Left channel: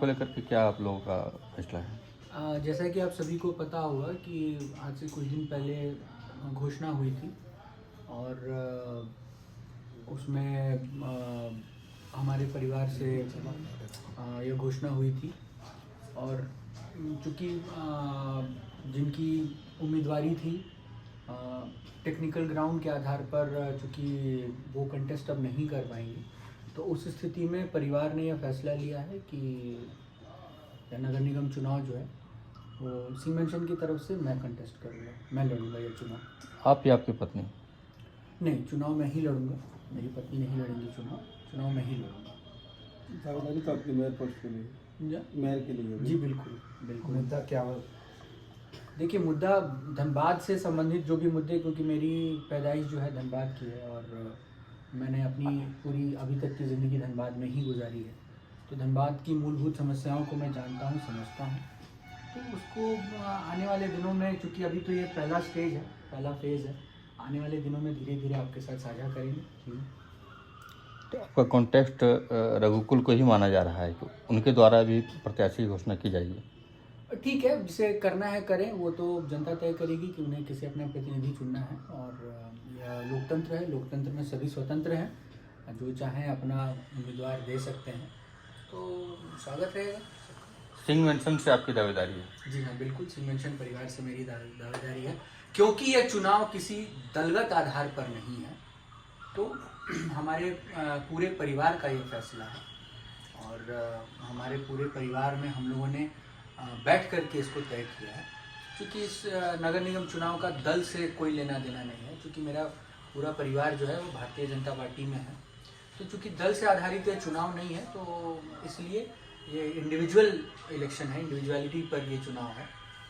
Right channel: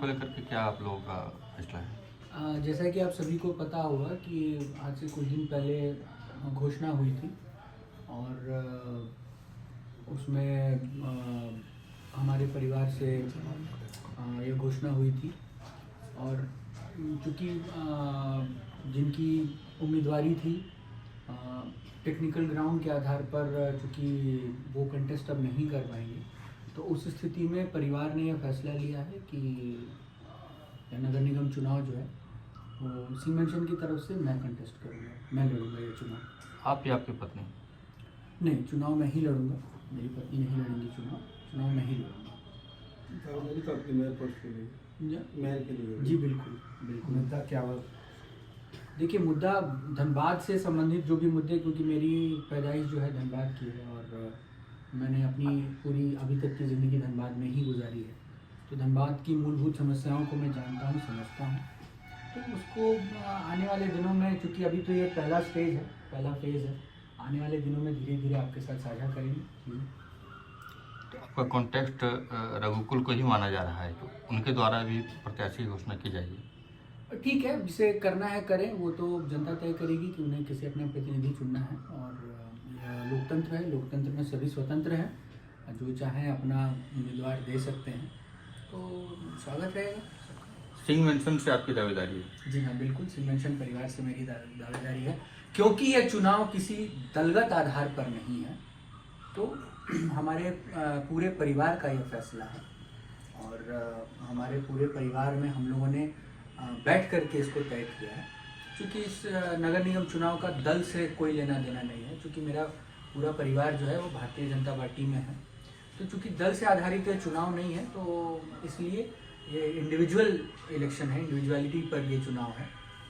को लेकर के क्या आप लोगों का फैसला है? जैसा कि आप सभी को पता होगा कि आज से कुछ दिन पहले घोषणा हुई थी और उसमें हमारे परिवार से ये घोषणा हुई थी और चूँकि जिनकी उम्मीदवारी थी टेक्निकल ग्राउंड के आधार पर, चूँकि वो कंटेस्ट अब नहीं कर पाएंगे, तो उस स्थिति में परिवार ने यह फैसला लिया है कि नगर निगम चुनाव जो है वो सीमेंशन की तरफ से मैं कंटेस्ट करूँगा, मैं लड़ूंगा ये चुनाव। आप या आपकी पत्नी? नहीं, चुनाव मैं ही लड़ूंगा, मेरी पत्नी नहीं लड़ेंगी चुनाव मैं ही लड़ूंगा। मेयर के लिए जी बिल्कुल बिल्कुल। मुद्दा क्या हो? देखिए, मुद्दा धनबाद से संबंधित जो भी मुद्दे, क्योंकि मेरी पैदाइश जो है धनबाद की है और मैंने अपनी पूरी अभी तक की ज़िंदगी धनबाद में ही गुजारी है, तो धनबाद की मूलभूत समस्याओं को मैं जानता हूँ, समझता हूँ। तो उसको आने वाले दिनों में, चूँकि अभी तो ये पहला स्टेज है, पहला फेज़ है, आने वाले दिनों में धीरे धीरे आपके साथ साझा करेंगे। तो आपका कॉन्टेस्ट रघुकुल को ही माना जा रहा है, तो उनके द्वारा भी प्रत्याशी की घोषणा की जाएगी? ठीक है, जिसे करना है करें, वो तो जनता तय करेगी कि उन्हें किसे अपना प्रतिनिधि चुनना है। और यह लोकतंत्र है, लोकतंत्र में सभी स्वतंत्र हैं, जो चाहें अपना उम्मीदवार दे सकते हैं, तो स्वागत रहेगा। सिंह मेंशन से आपकी दावेदारी है? जी हाँ, बिल्कुल, सिंह परिवार से मेरी दावेदारी है, क्योंकि यह चुनाव किसी दलगत आधार पर नहीं है, तो हमारे पूरे परिवार का ये फैसला है और हमारे पूरे परिवार में हम लोगों ने बैठ करके इसको तय किया है। क्योंकि इस नगर निगम चुनाव का दल से कोई लेना देना नहीं है, क्योंकि मेरा पूरा परिवार जो है वो भारतीय जनता पार्टी में है, तो चूँकि दल से आधारित ये चुनाव नहीं है, तो इसलिए ये इंडिविजुअल इलेक्शन है, इंडिविजुअलिटी पर ये चुनाव है।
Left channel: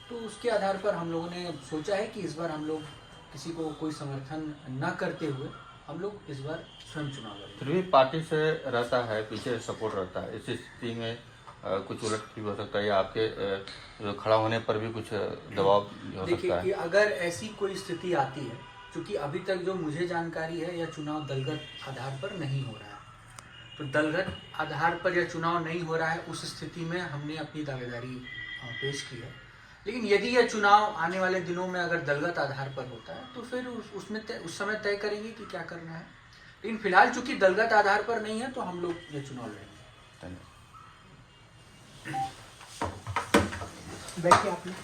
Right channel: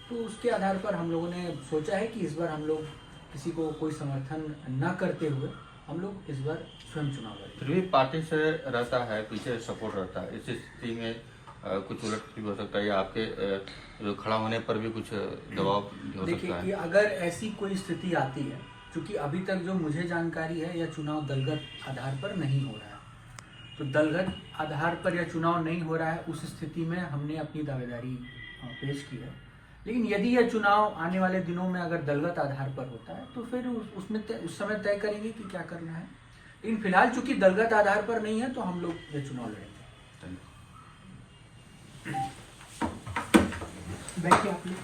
तो उसके आधार पर हम लोगों ने सोचा है कि इस बार हम लोग किसी को कोई समर्थन न करते हुए हम लोग इस बार स्वयं चुनाव लड़ेंगे। फिर भी पार्टी से रहता है, पीछे सपोर्ट रहता है, इस स्थिति में कुछ उलट भी हो सकता है या आपके जो खड़ा होने पर भी कुछ दबाव भी हो सकता है? देखिए कि अगर ऐसी कोई स्थिति आती है, क्योंकि अभी तक जो मुझे जानकारी है, यह चुनाव दलगत आधार पर नहीं हो रहा है, तो दलगत आधार पर यह चुनाव नहीं हो रहा है, उस स्थिति में हमने अपनी दावेदारी पेश की है। लेकिन यदि यह चुनाव आने वाले दिनों में अगर दलगत आधार पर होता है, तो फिर उस समय तय करेंगे कि क्या करना है। लेकिन फिलहाल चूंकि दलगत आधार पर नहीं है, तो हम लोग ये चुनाव लड़ेंगे। Thank you. बैठिए आप लोग।